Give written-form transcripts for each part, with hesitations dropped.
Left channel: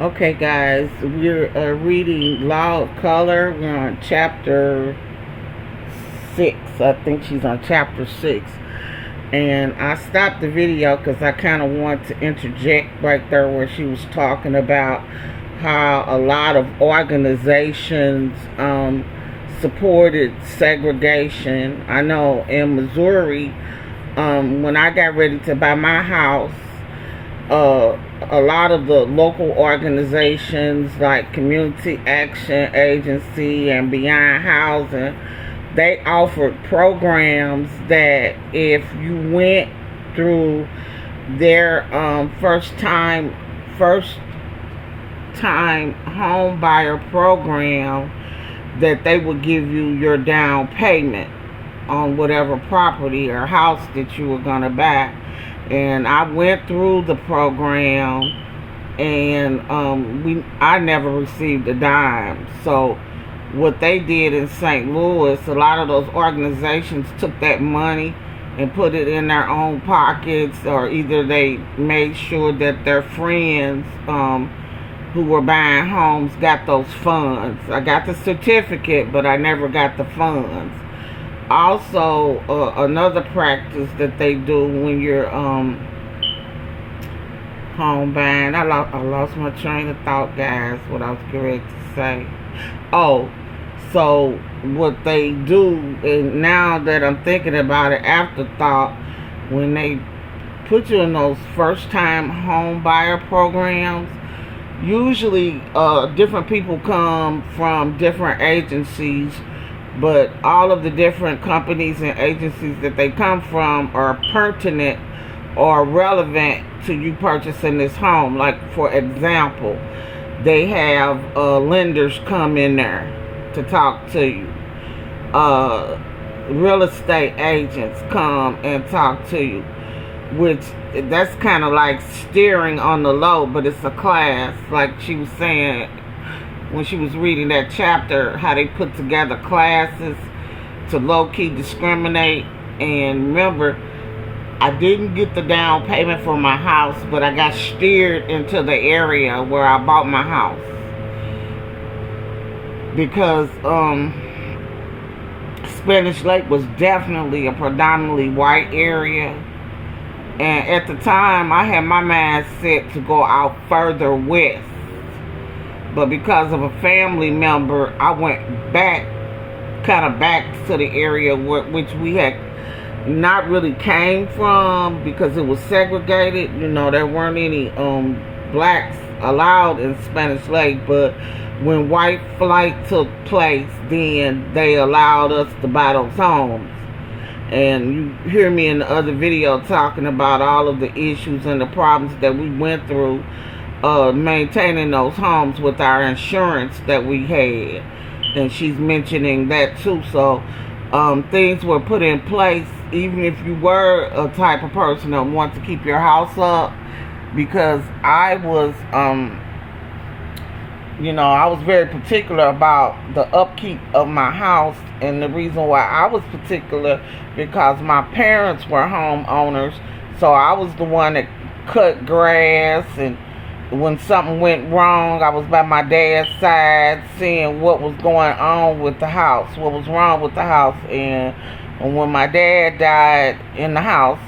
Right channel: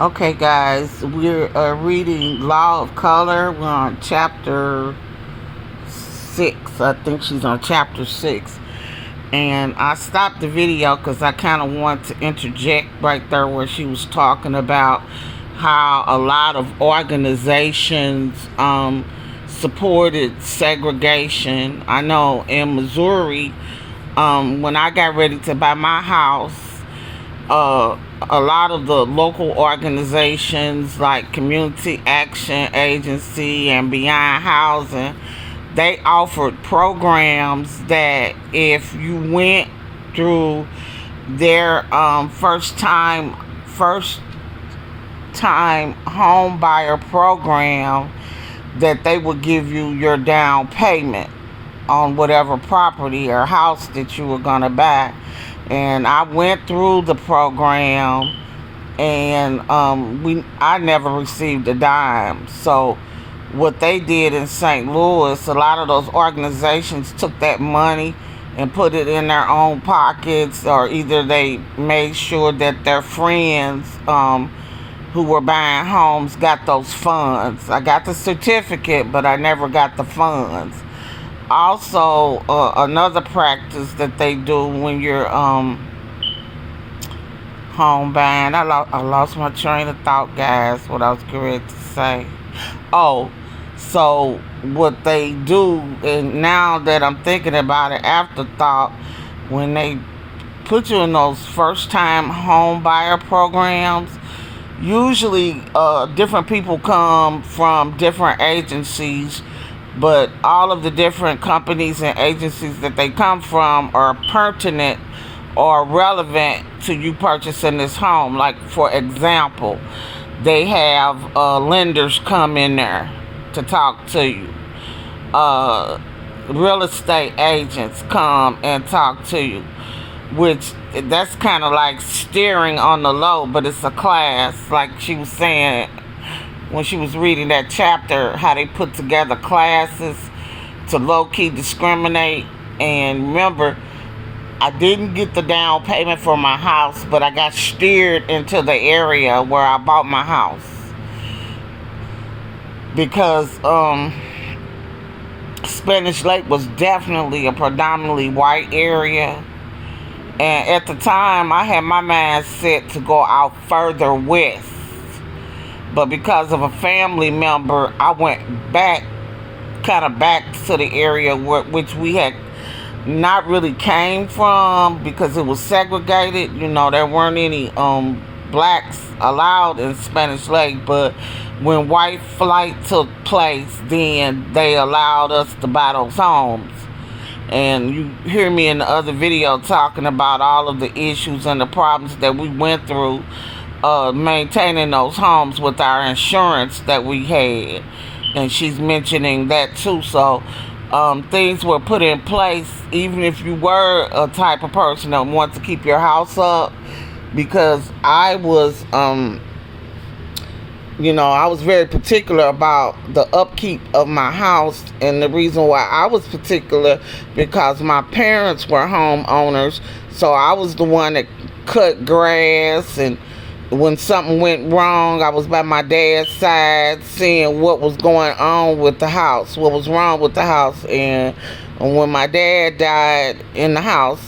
Okay, guys, we're reading Law of Color. We're on chapter 6. I think she's on chapter 6. And I stopped the video because I kind of want to interject right there where she was talking about how a lot of organizations supported segregation. I know in Missouri, when I got ready to buy my house, a lot of the local organizations like Community Action Agency and Beyond Housing, they offered programs that if you went through their first time home buyer program, that they would give you your down payment on whatever property or house that you were going to buy. And I went through the program, and I never received a dime. So what they did in St. Louis, a lot of those organizations took that money and put it in their own pockets, or either they made sure that their friends who were buying homes got those funds. I got the certificate, but I never got the funds. Also, another practice that they do when you're home buying. I lost my train of thought, guys. What I was going to say. Oh, so what they do, and now that I'm thinking about it, afterthought, when they put you in those first-time home buyer programs, usually different people come from different agencies, but all of the different companies and agencies that they come from are pertinent or relevant to you purchasing this home. Like, for example, they have lenders come in there to talk to you. Real estate agents come and talk to you, which that's kind of like steering on the low, but it's a class. Like she was saying when she was reading that chapter, how they put together classes to low-key discriminate. And remember, I didn't get the down payment for my house, but I got steered into the area where I bought my house. Because Spanish Lake was definitely a predominantly white area. And at the time, I had my mind set to go out further west. But because of a family member, I went kind of back to the area which we had not really came from, because it was segregated. You know, there weren't any blacks allowed in Spanish Lake. But when white flight took place, then they allowed us to buy those homes. And you hear me in the other video talking about all of the issues and the problems that we went through maintaining those homes with our insurance that we had. And she's mentioning that too. So things were put in place, even if you were a type of person that wants to keep your house up. Because I was I was very particular about the upkeep of my house. And the reason why I was particular, because my parents were homeowners, so I was the one that cut grass. And when something went wrong, I was by my dad's side seeing what was going on with the house, what was wrong with the house. And when my dad died in the house,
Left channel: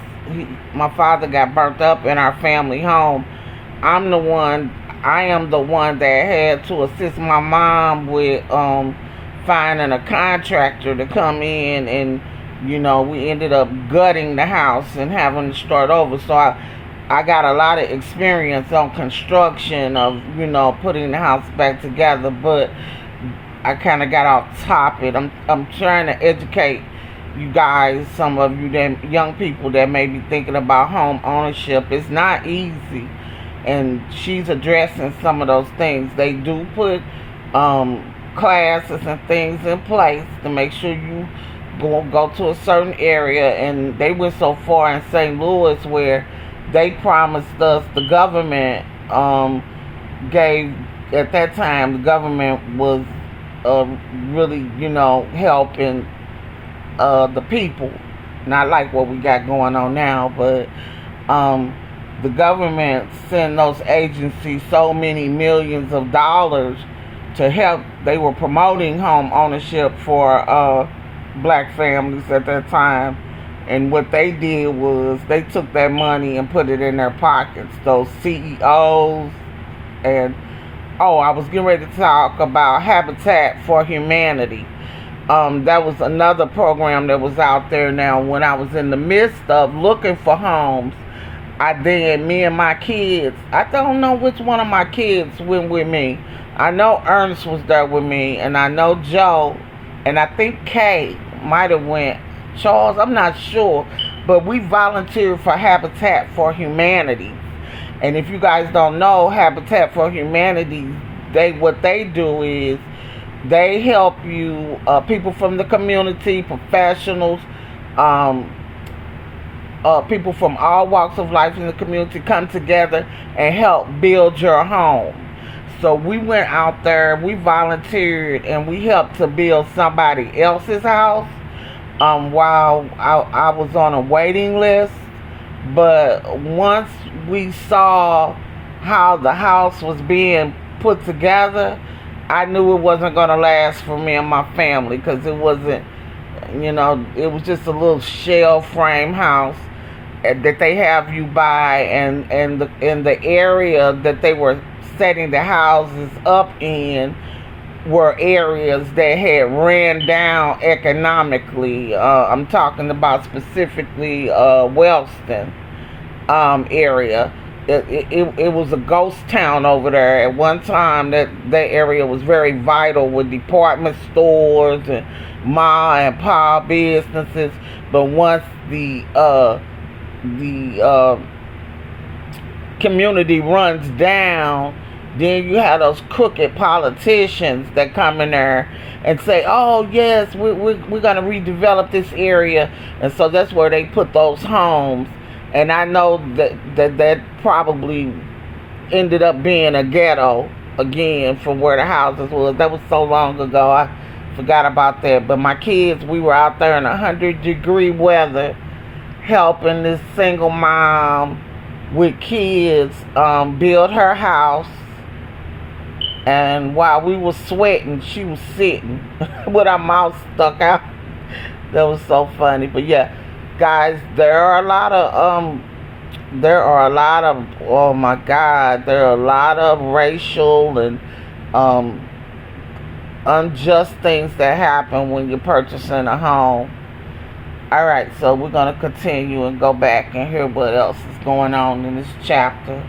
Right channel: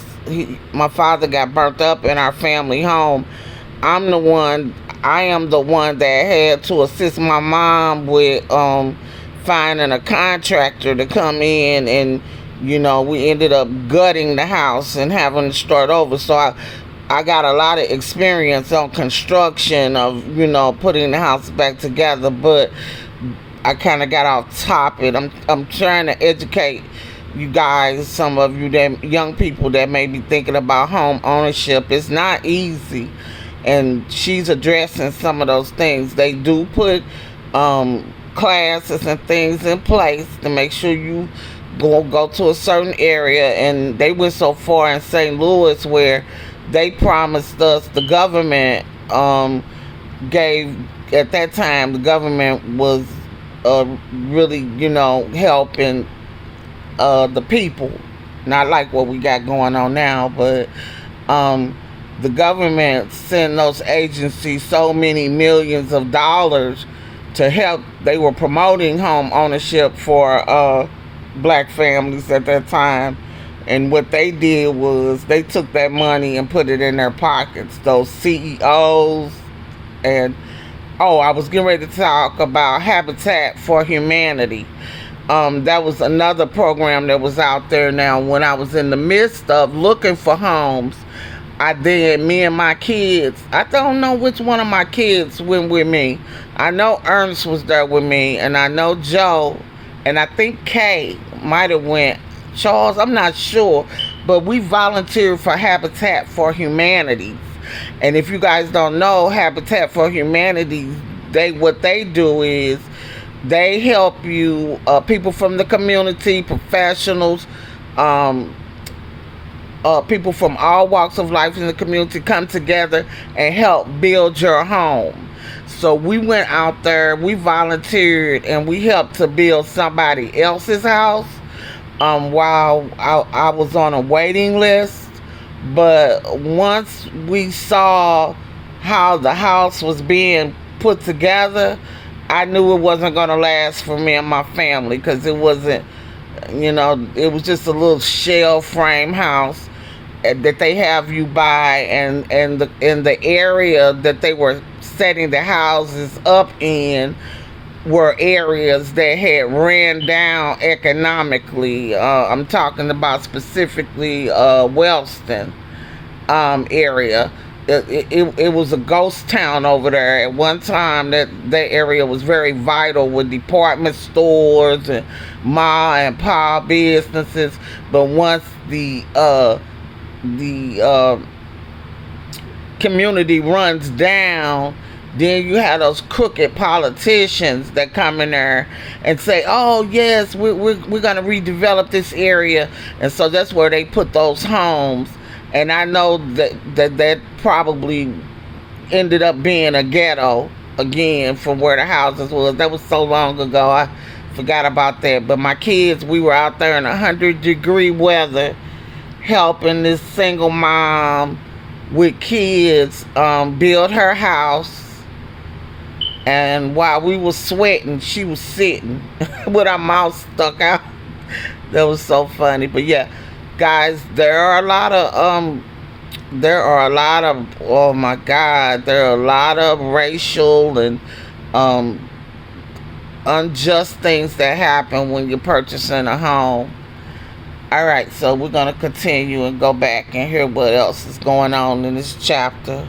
my father got burnt up in our family home. I am the one that had to assist my mom with finding a contractor to come in, and we ended up gutting the house and having to start over. So I got a lot of experience on construction of putting the house back together, but I kind of got off topic. I'm trying to educate you guys, some of you that young people that may be thinking about home ownership. It's not easy. And she's addressing some of those things. They do put classes and things in place to make sure you go to a certain area. And they went so far in St. Louis where they promised us, the government gave, at that time, the government was really, helping the people. Not like what we got going on now, but the government sent those agencies so many millions of dollars to help. They were promoting home ownership for black families at that time. And what they did was they took that money and put it in their pockets. Those CEOs and I was getting ready to talk about Habitat for Humanity. That was another program that was out there. Now, when I was in the midst of looking for homes, me and my kids, I don't know which one of my kids went with me. I know Ernest was there with me, and I know Joe, and I think Kay might have went. Charles, I'm not sure, but we volunteered for Habitat for Humanity. And if you guys don't know, Habitat for Humanity, what they do is they help you, people from the community, professionals, people from all walks of life in the community come together and help build your home. So we went out there, we volunteered, and we helped to build somebody else's house while I was on a waiting list. But once we saw how the house was being put together, I knew it wasn't going to last for me and my family, because it wasn't, it was just a little shell frame house that they have you buy, and in the area that they were setting the houses up in were areas that had ran down economically. I'm talking about specifically Wellston area. It was a ghost town over there at one time. That area was very vital with department stores and ma and pa businesses. But once the community runs down, then you have those crooked politicians that come in there and say, oh yes, we're going to redevelop this area. And so that's where they put those homes. And I know that probably ended up being a ghetto again from where the houses was. That was so long ago, I forgot about that. But my kids, we were out there in 100-degree weather helping this single mom with kids build her house. And while we were sweating, she was sitting with her mouth stuck out. That was so funny. But yeah, guys, there are a lot of oh my God, there are a lot of racial and unjust things that happen when you're purchasing a home. All right, so we're going to continue and go back and hear what else is going on in this chapter.